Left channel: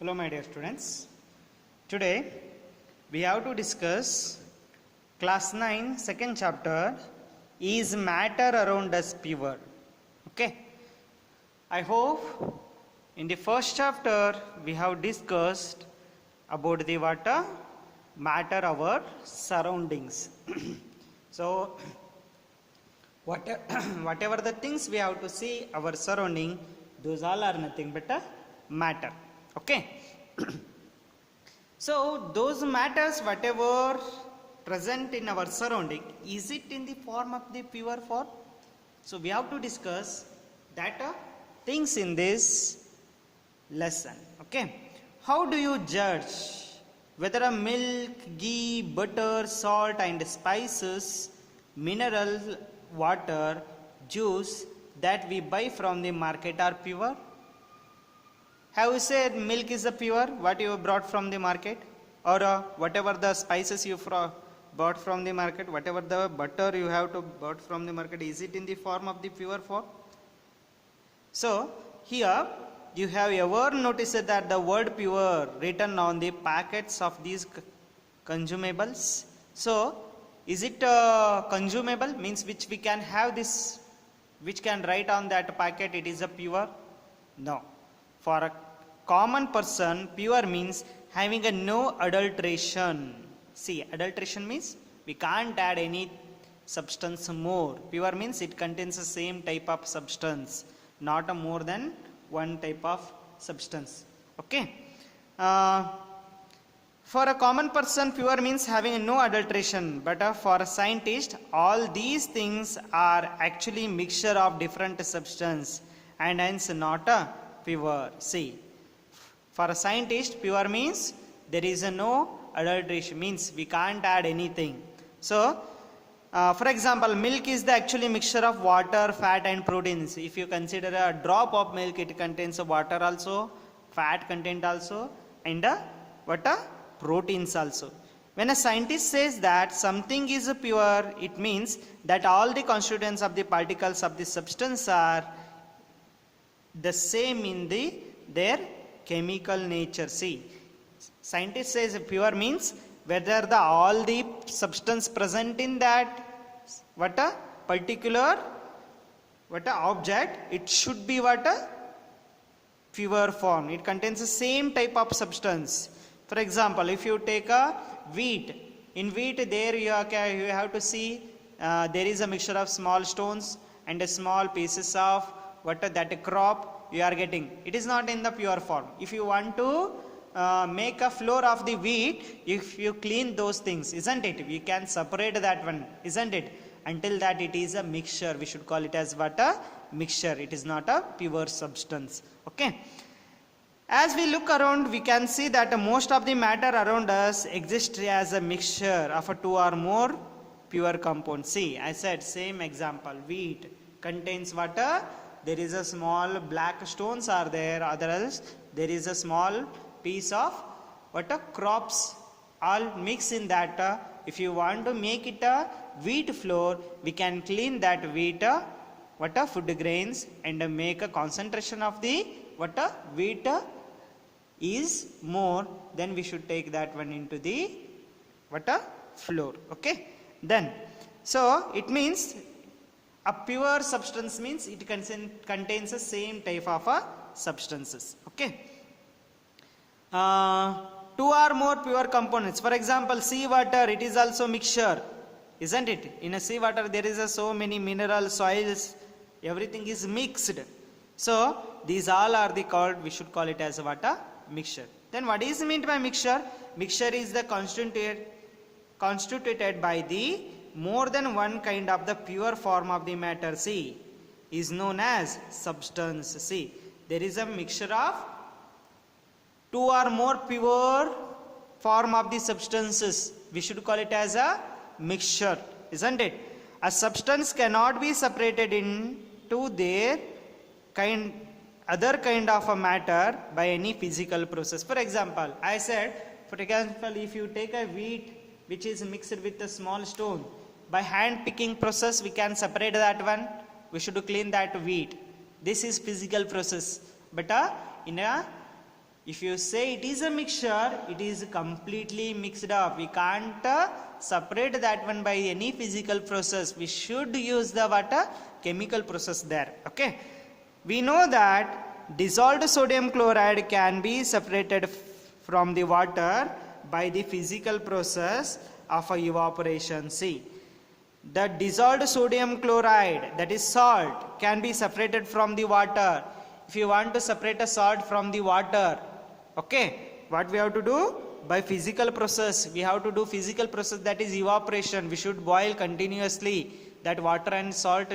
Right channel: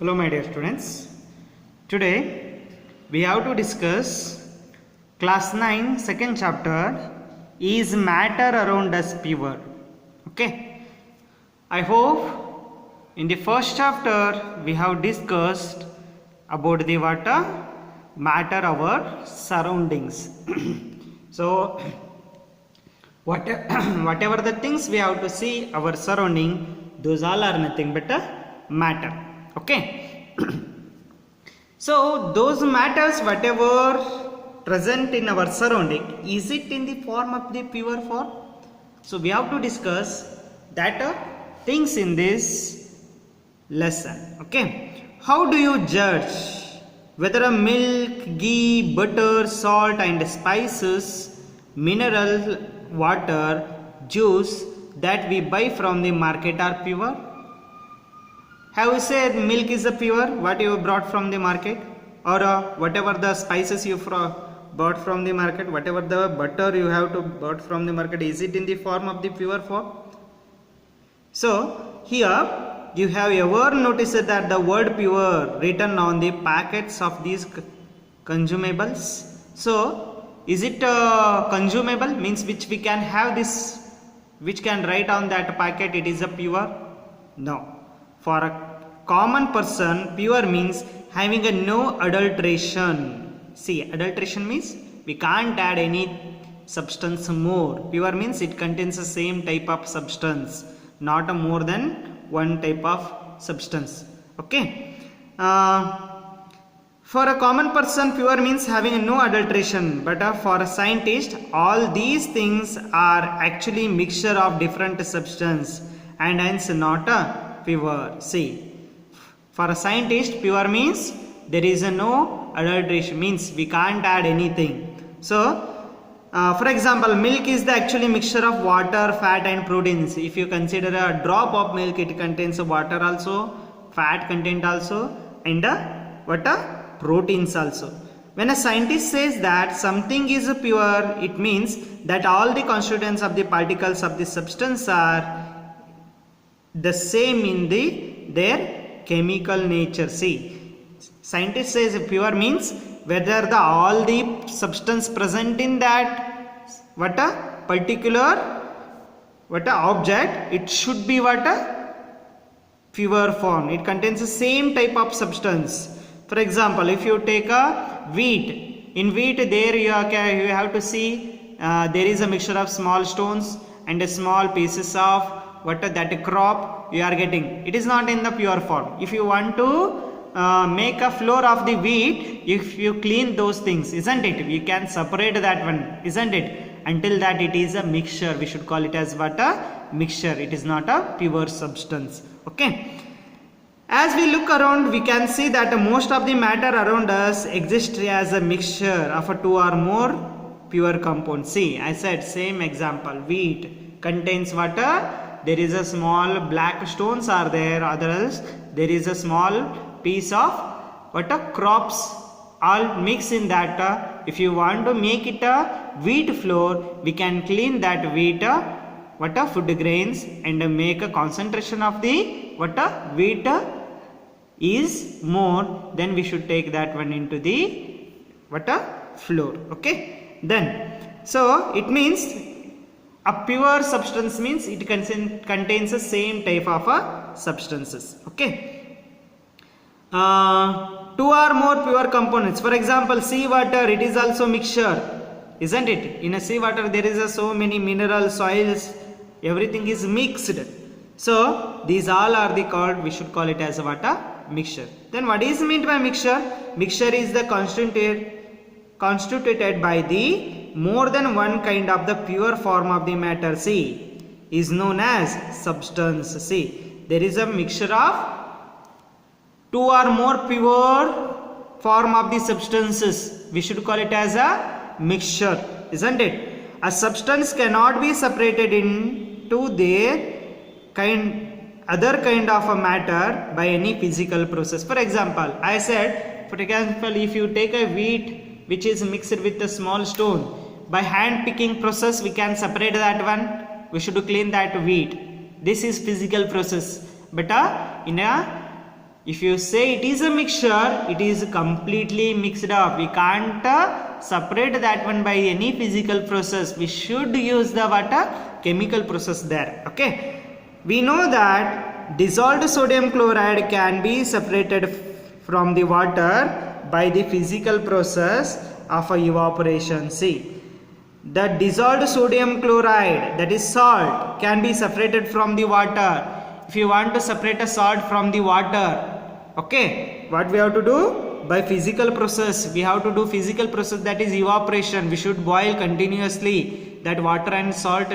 Hello my dear students. Today we have to discuss class 9 second chapter is matter around us pure. Okay. I hope in the first chapter we have discussed about the matter our surroundings. So whatever the things we have to see our surrounding, those all are nothing but a matter. Okay. So those matters whatever present in our surrounding, is it in the form of the pure form? So we have to discuss that things in this lesson. Okay. How do you judge whether a milk, ghee, butter, salt and spices, mineral water, juice that we buy from the market are pure? Have you said milk is a pure what you brought from the market, or whatever the spices you bought from the market, whatever the butter you have to bought from the market, is it in the form of the pure form? So here you have ever noticed that the word pure written on the packets of these consumables? So is it consumable, means which we can have this, which can write on that packet it is a pure? No. For a common person, pure means having a no adulteration. See, adulteration means we can't add any substance more. Pure means it contains the same type of substance, not a more than one type of substance. Okay. For a common person, pure means having a no adulteration, but for a scientist, all these things are actually mixture of different substance and hence not a pure. See, for a scientist, pure means there is a no adulteration, means we can't add anything. So for example, milk is the actually mixture of water, fat and proteins. If you consider a drop of milk, it contains water also, fat content also, and proteins also. When a scientist says that something is pure, it means that all the constituents of the particles of the substance are the same in their chemical nature. See, scientist says pure means whether all the substance present in that particular object, it should be pure form. It contains the same type of substance. For example, if you take a wheat, in wheat there you have to see there is a mixture of small stones and a small pieces of that crop you are getting. It is not in the pure form. If you want to make a flour of the wheat, if you clean those things, isn't it, we can separate that one, isn't it? Until that it is a mixture, we should call it as a mixture. It is not a pure substance. Okay. As we look around, we can see that most of the matter around us exists as a mixture of two or more pure compounds. See, I said same example, wheat contains water. There is a small black stones are there, others there is a small piece of crops all mix in that. If you want to make it a wheat flour, we can clean that wheat food grains and make a concentration of the wheat is more, then we should take that one into the flour. Okay, then so it means a pure substance means it contains the same type of substances. Okay. Two or more pure components. For example, seawater, it is also mixture, isn't it? In a seawater there is so many mineral soils, everything is mixed. So these all are called, we should call it as a mixture. Then what is meant by mixture? Mixture is the constituted by the more than one kind of the pure form of the matter. See, is known as substance. See, there is a mixture of two or more pure form of the substances. We should call it as a mixture, isn't it? A substance cannot be separated into their other kind of a matter by any physical process. For example, I said, for example, if you take a wheat which is mixed with a small stone, by hand picking process we can separate that one. We should clean that wheat. This is physical process, but in a If you say it is a mixture, it is completely mixed up. We can't separate that one by any physical process. We should use the what chemical process there. Okay, we know that dissolved sodium chloride can be separated from the water by the physical process of evaporation. See, the dissolved sodium chloride, that is salt, can be separated from the water. If you want to separate a salt from the water, okay, what we have to do? By physical process, we have to do physical process, that is evaporation. We should boil continuously that water and salt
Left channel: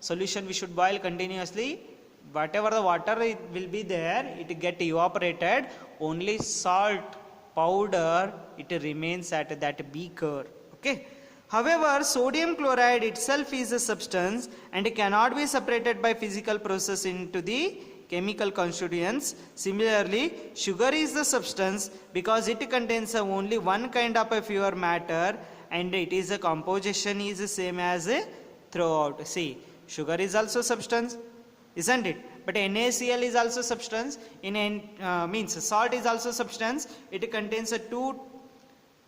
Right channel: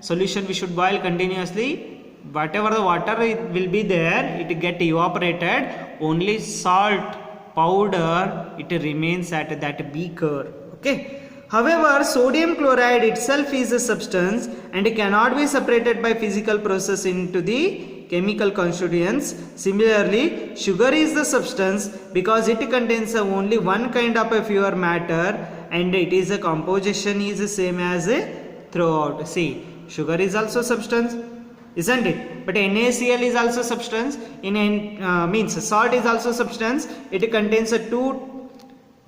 solution. We should boil continuously. Whatever the water it will be there, it get evaporated. Only salt powder, it remains at that beaker. Okay. However, sodium chloride itself is a substance and it cannot be separated by physical process into the chemical constituents. Similarly, sugar is the substance because it contains only one kind of a pure matter and it is a composition is the same as a throughout. See, sugar is also substance, isn't it? But NaCl is also substance. Means salt is also substance. It contains a two.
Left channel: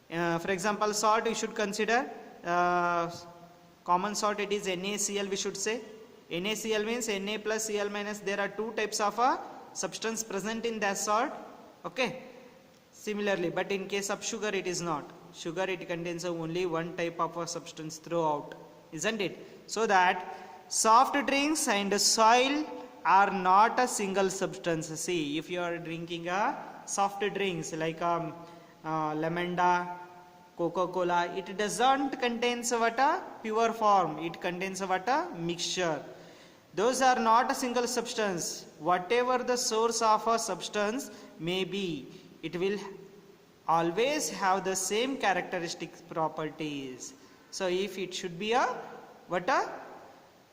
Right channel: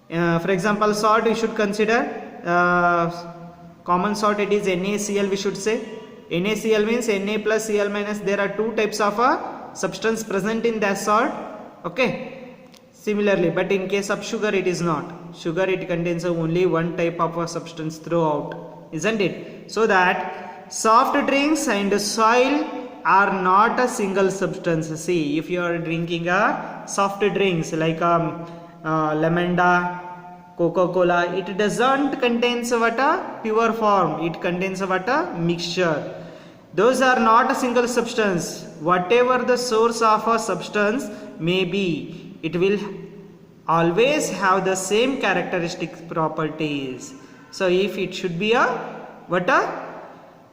For example, salt we should consider common salt. It is NaCl. We should say NaCl means Na plus Cl minus. There are two types of substance present in that salt. Okay. Similarly, but in case of sugar, it is not. Sugar, it contains only one type of a substance throughout, isn't it? So that soft drinks and soil are not a single substance. See, if you are drinking a soft drinks like Lemon-Da, Coca-Cola, it doesn't contain what a pure form. It contains what a mixture. Those are not a single substance. Whatever the source of a substance may be, it will always have the same characteristic properties. So if it should be a what a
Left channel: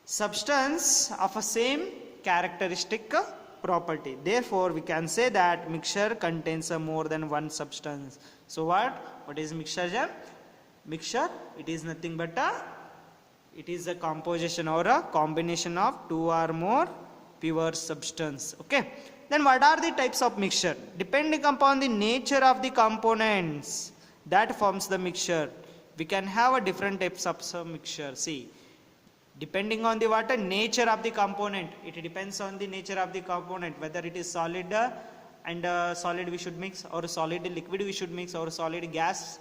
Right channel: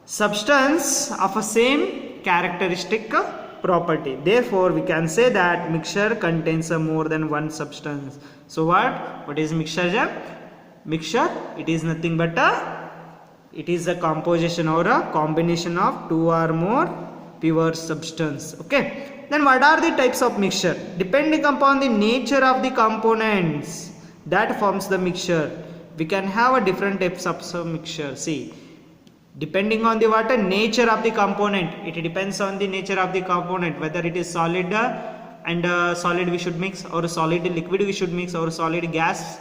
substance of a same characteristic property, therefore we can say that mixture contains more than one substance. So what is mixture? Mixture, it is nothing but it is a composition or a combination of two or more pure substance. Okay, then what are the types of mixture? Depending upon the nature of the components that forms the mixture, we can have a different types of mixture. See, depending on the what nature of the component, it depends on the nature of the component, whether it is solid and solid we should mix, or solid liquid we should mix, or solid gas,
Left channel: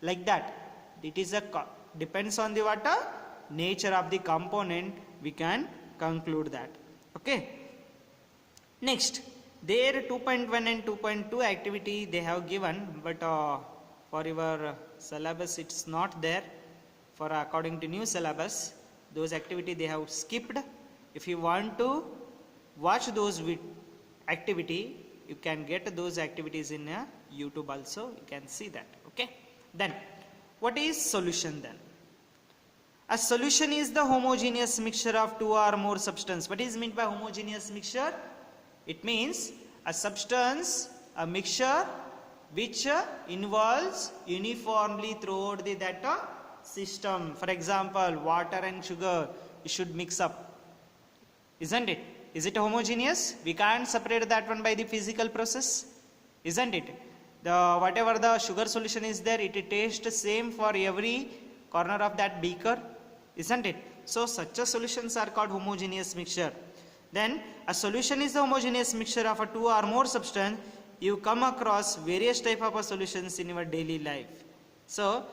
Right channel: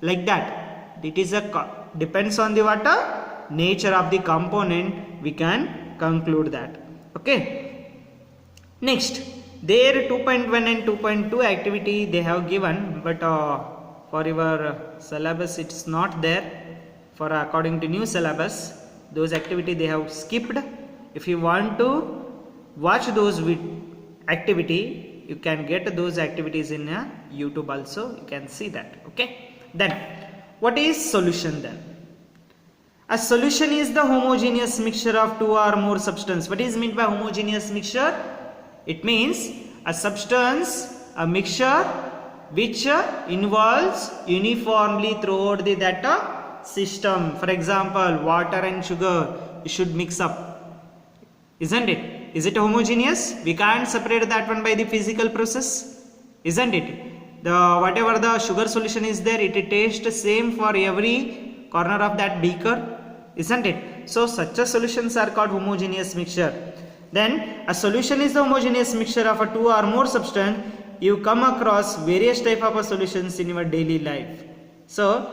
like that. It is depends on the what nature of the component, we can conclude that. Okay, next, there 2.1 and 2.2 activity they have given, but for your syllabus it's not there. For according to new syllabus, those activity they have skipped. If you want to watch those activity, you can get those activities in YouTube also. You can see that. Okay, then what is solution then? A solution is the homogeneous mixture of two or more substance. What is meant by homogeneous mixture? It means a substance, a mixture which involves uniformly throughout the that system. For example, water and sugar, you should mix up, isn't it? Is it homogeneous? We can't separate that one by the physical process, isn't it? The whatever the sugar solution is there, it tastes same for every corner of that beaker, isn't it? So such a solutions are called homogeneous mixture. Then a solution is the homogeneous mixture of a two or more substance. You come across various type of solutions in your daily life. So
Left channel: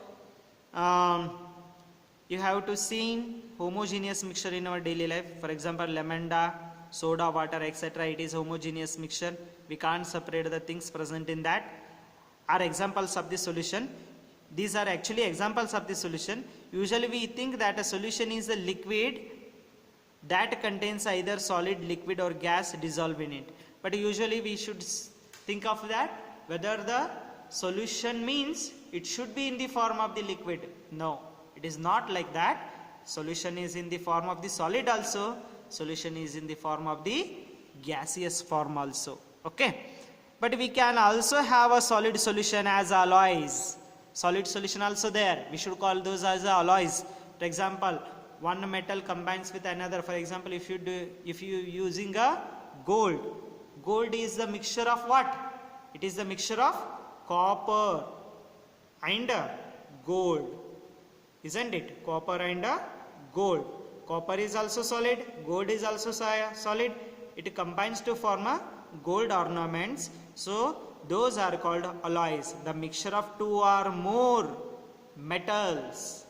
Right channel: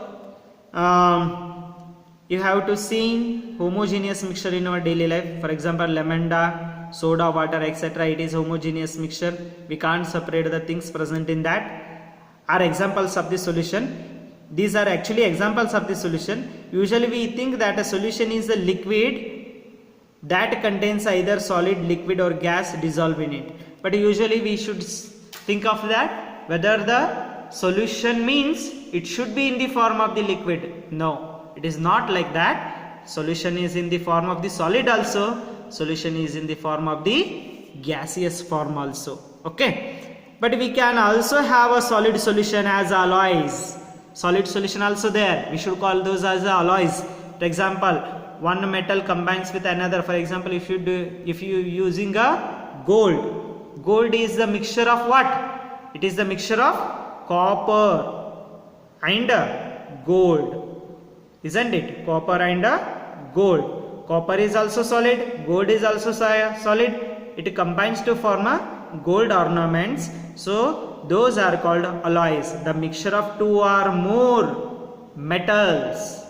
you have to see homogeneous mixture in our daily life. For example, Lemon-Da, soda, water, etc. It is homogeneous mixture. We can't separate the things present in that. Are examples of the solution. These are actually examples of the solution. Usually we think that a solution is a liquid that contains either solid, liquid or gas dissolved in it. But usually we should think of that whether the solution means it should be in the form of the liquid. No, it is not like that. Solution is in the form of the solid also. Solution is in the form of the gaseous form also. Okay. But we can also have a solid solution as alloys. Solid solution also there. We should call those as alloys. For example, one metal combines with another. For example, if you using a gold. Gold is the mixture of what? It is the mixture of copper and gold, isn't it? Copper and gold. Copper is also solid, gold is also solid. It combines to form a gold ornaments. So those are called alloys, the mixture of two or more metals.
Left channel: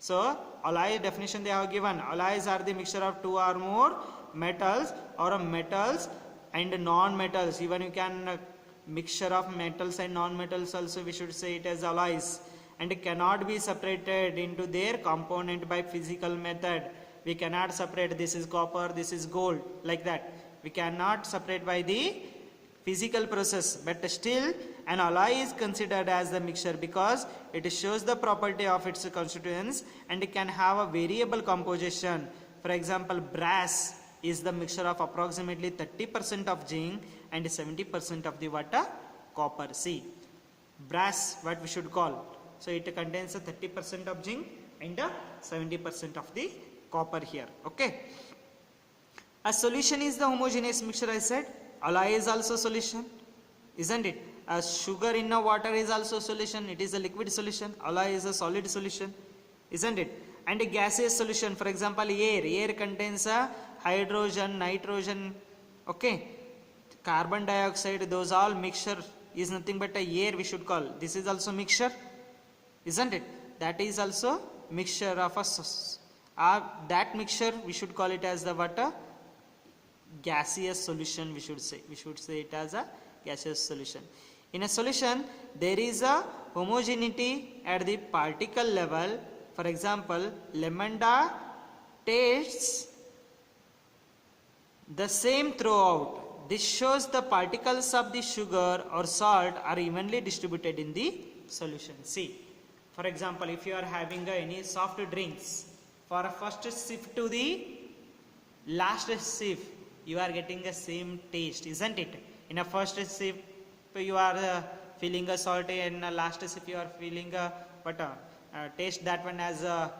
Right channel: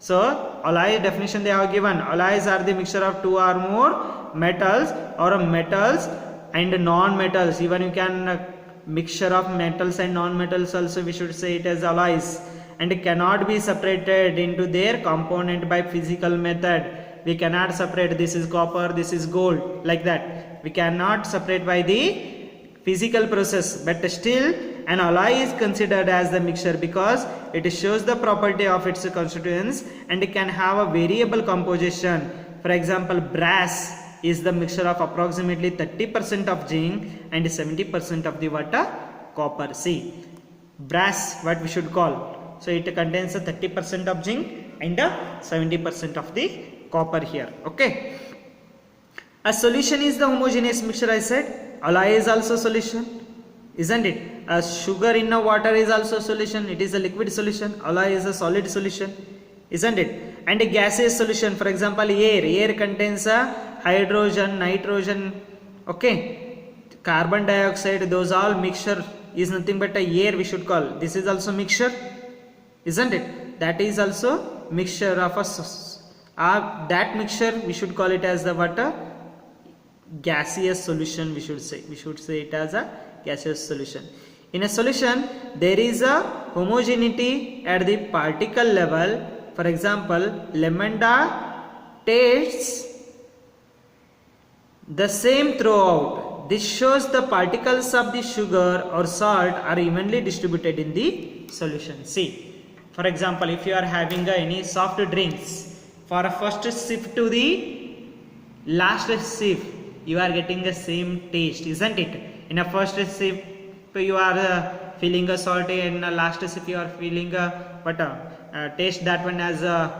So alloy definition they have given, alloys are the mixture of two or more metals, or metals and non-metals. Even you can mixture of metals and non-metals also we should say it as alloys, and cannot be separated into their component by physical method. We cannot separate this is copper, this is gold, like that. We cannot separate by the physical process, but still an alloy is considered as the mixture because it shows the property of its constituents and it can have a variable composition. For example, brass is the mixture of approximately 30% of zinc and 70% of the water copper. See, brass what we should call, so it contains a 30% of zinc and 70% of the copper here. Okay, a solution is the homogeneous mixture. I said alloy is also solution, isn't it? A sugar in a water is also solution, it is a liquid solution. Alloy is a solid solution, isn't it? And a gaseous solution, for example air contains a hydrogen, nitrogen, okay, carbon dioxide, those all mixture is nothing but a air we should call. This is also mixture, isn't it? That is also mixture of a that mixture we should call it as the water gaseous solution. We should say it as a gaseous solution. In a solution there is a homogeneity at the particle level. For example, lemon tastes the same throughout. This shows the particles of the sugar or salt are evenly distributed in the solution. See, for example, if you are having any soft drinks, for a first sip to the last sip you are getting the same taste, isn't it? In a first sip you are feeling a salty, and last sip you are feeling a taste that one as a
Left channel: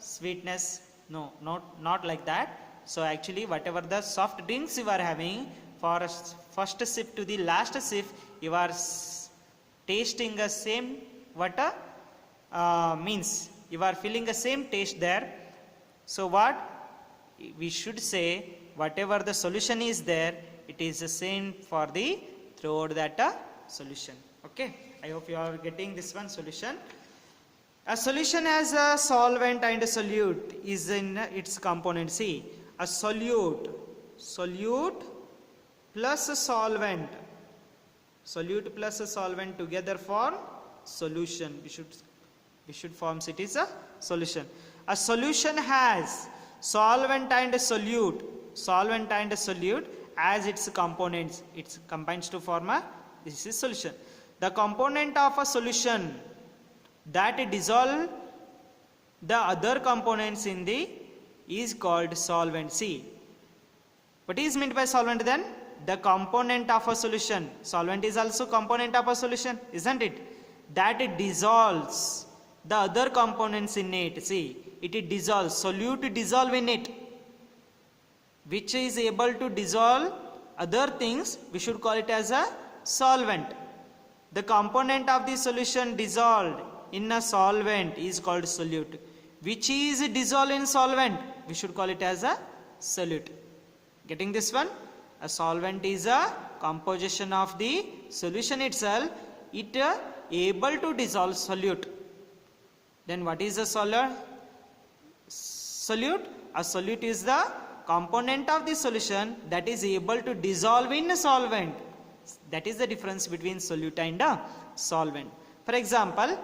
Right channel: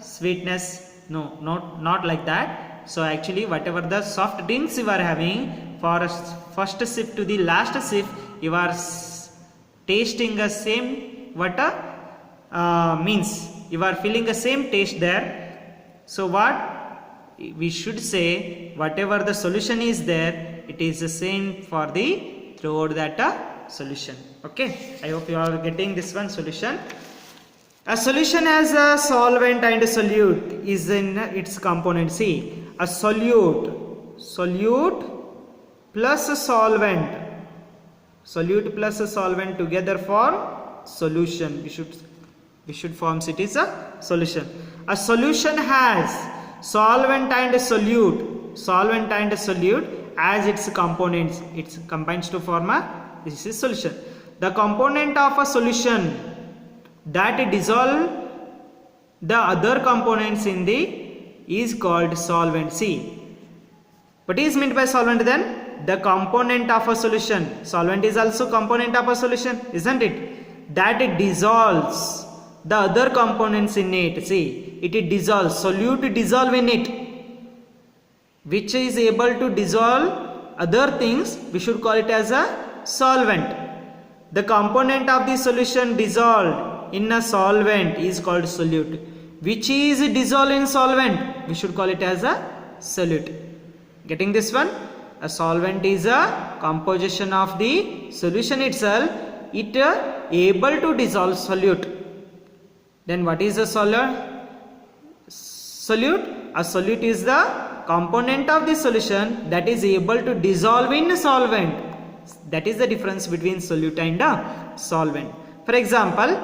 sweetness. No, not like that. So actually whatever the soft drinks you are having, for a first sip to the last sip you are tasting the same means you are feeling the same taste there. So what we should say, whatever the solution is there, it is the same for the throughout that solution. Okay, I hope you are getting this one solution. A solution as a solvent and a solute is in its component. See, a solute plus a solvent, together form solution. We should form it is a solution. A solution has solvent and solute as its components. It combines to form this is solution. The component of a solution that dissolve the other components in the is called solvent. See, what is meant by solvent then? The component of a solution. Solvent is also component of a solution, isn't it? That it dissolves the other components in it. See, it dissolves, solute dissolve in it, which is able to dissolve other things. We should call it as a solvent. The component of the solution dissolved in a solvent is called solute, which is dissolved in solvent. We should call it as a solute. Getting this one? A solvent is a composition of the solution itself. It able to dissolve solute. Then what is a solute? A solute is the component of the solution that is able to dissolve in a solvent. That is the difference between solute and a solvent. For example,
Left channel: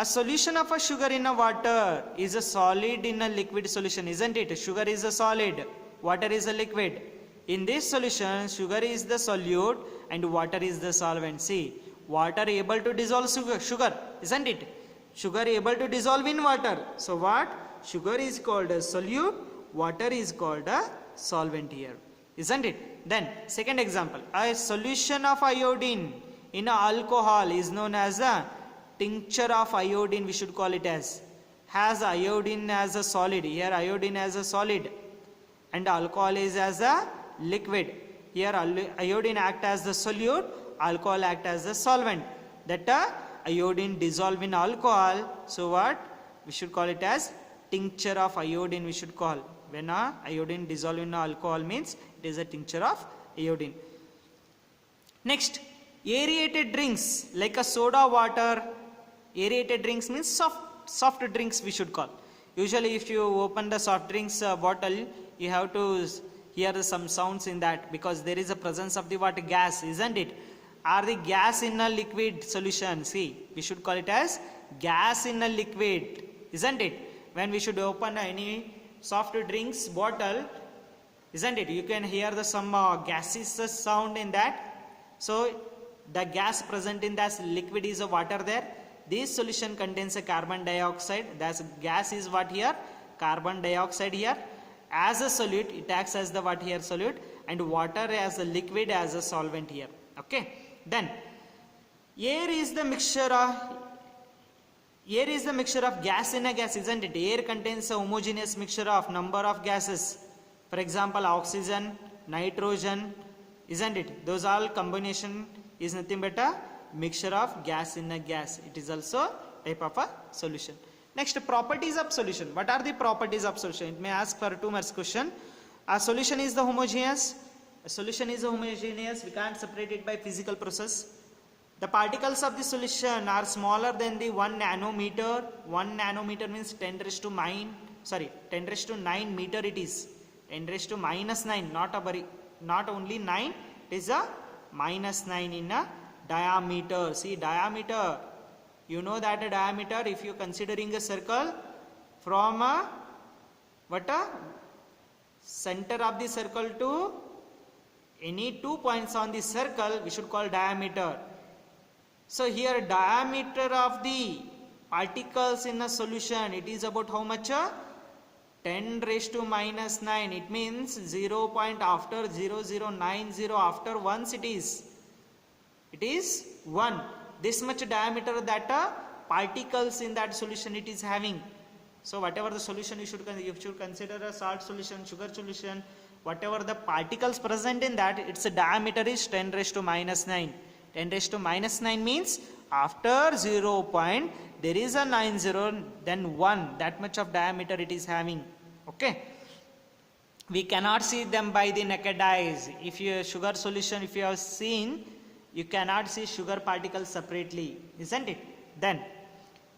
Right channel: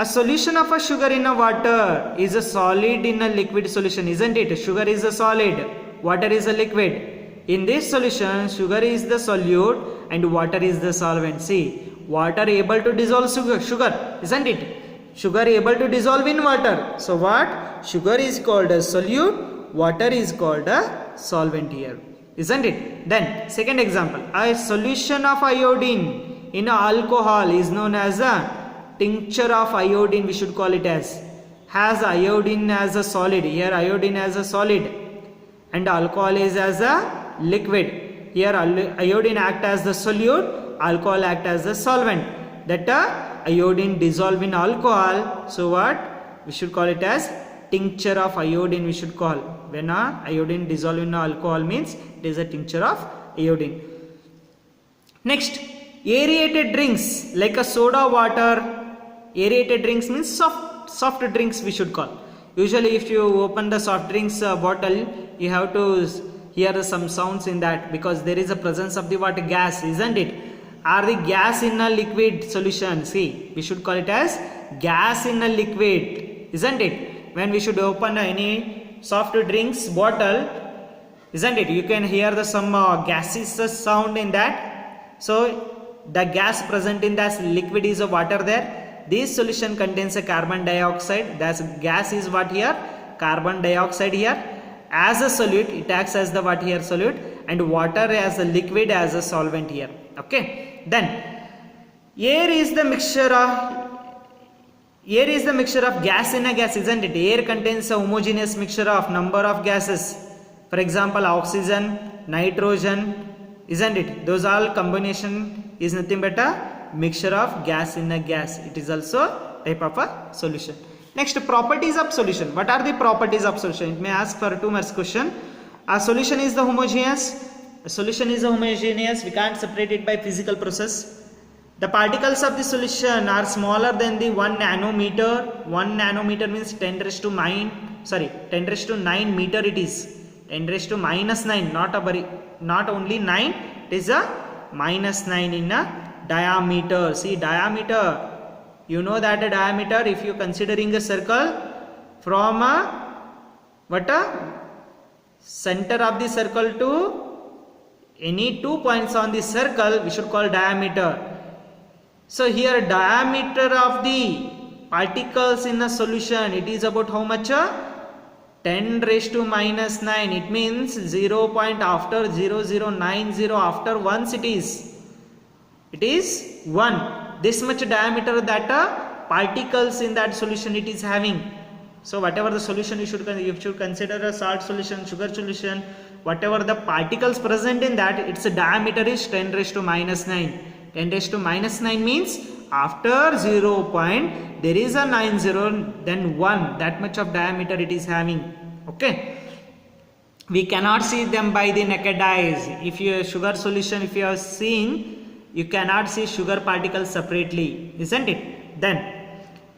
a solution of a sugar in a water is a solid in a liquid solution, isn't it? Sugar is a solid, water is a liquid. In this solution, sugar is the solute and water is the solvent. See, water able to dissolve sugar, isn't it? Sugar able to dissolve in water. So what? Sugar is called a solute, water is called a solvent here, isn't it? Then second example, a solution of iodine in alcohol is known as a tincture of iodine. We should call it as has iodine as a solid. Here iodine as a solid and alcohol is as a liquid. Here iodine act as the solute, alcohol act as the solvent. That iodine dissolve in alcohol. So what? We should call it as tincture of iodine we should call. When iodine dissolve in alcohol means it is a tincture of iodine. Next, aerated drinks like a soda water. Aerated drinks means soft drinks we should call. Usually if you open the soft drinks bottle, you have to hear some sounds in that because there is a presence of the water gas, isn't it? Are the gas in a liquid solution? See, we should call it as gas in a liquid, isn't it? When we should open any soft drinks bottle, isn't it? You can hear the some gaseous sound in that. So the gas present in that liquid is a water there. This solution contains a carbon dioxide. That gas is what here? Carbon dioxide here. As a solute, it acts as the what here solute, and water as a liquid as a solvent here. Okay. Then air is the mixture of gas in a gas, isn't it? Air contains a homogeneous mixture of number of gases. For example, oxygen, nitrogen, isn't it? Those all combination is nothing but a mixture of gas in a gas. It is also type of a solution. Next, properties of solution. What are the properties of solution? It may ask for 2 marks question. A solution is the homogeneous. A solution is homogeneous. We can't separate it by physical process. The particles of the solution are smaller than the 1 nanometer. 1 nanometer means 10 raised to 9 meter it is. 10 raised to minus 9, not only 9, it is a minus 9 in a diameter. See, diameter, you know that a diameter, if you considering a circle from center of the circle to any 2 points on the circle, we should call diameter. So here diameter of the particles in a solution, it is about how much? 10 raised to minus 9. It means 0 point after 0090, after once it is 1. This much diameter that particles in that solution it is having. So whatever the solution you should consider a salt solution, sugar solution, whatever the particles present in that, its diameter is 10 raised to minus 9. 10 raised to minus 9 means after 0 point there is a 90, then 1, that much of diameter it is having. Okay. We cannot see them by the naked eyes. If you sugar solution, if you are seeing, you cannot see sugar particles separately, isn't it? Then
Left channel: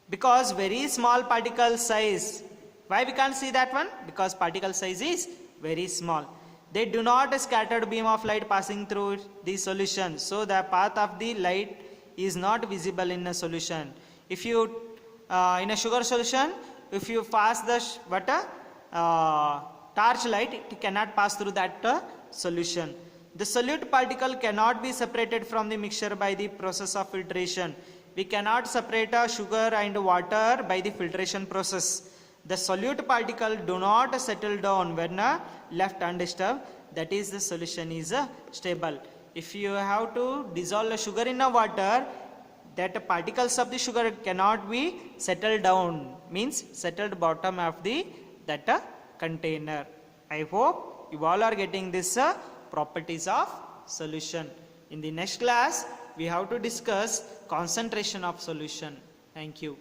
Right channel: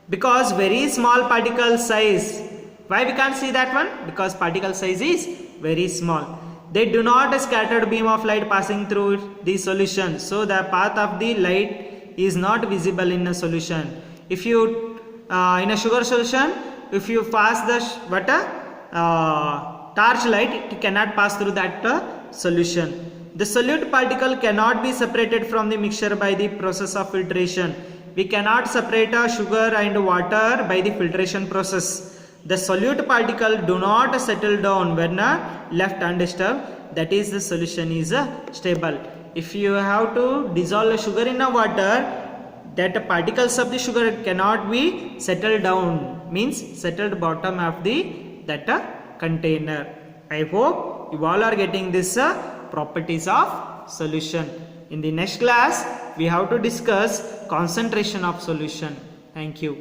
because very small particle size, why we can't see that one? Because particle size is very small. They do not scattered beam of light passing through the solution, so the path of the light is not visible in a solution. If you in a sugar solution, if you pass the torch light, it cannot pass through that solution. The solute particle cannot be separated from the mixture by the process of filtration. We cannot separate sugar and water by the filtration process. The solute particle do not settle down when left undisturbed. That is, the solution is stable. If you have to dissolve sugar in water, that particles of the sugar cannot be settled down, means settled bottom of that container. I hope you all are getting this properties of solution. In the next class, we have to discuss concentration of solution. Thank you.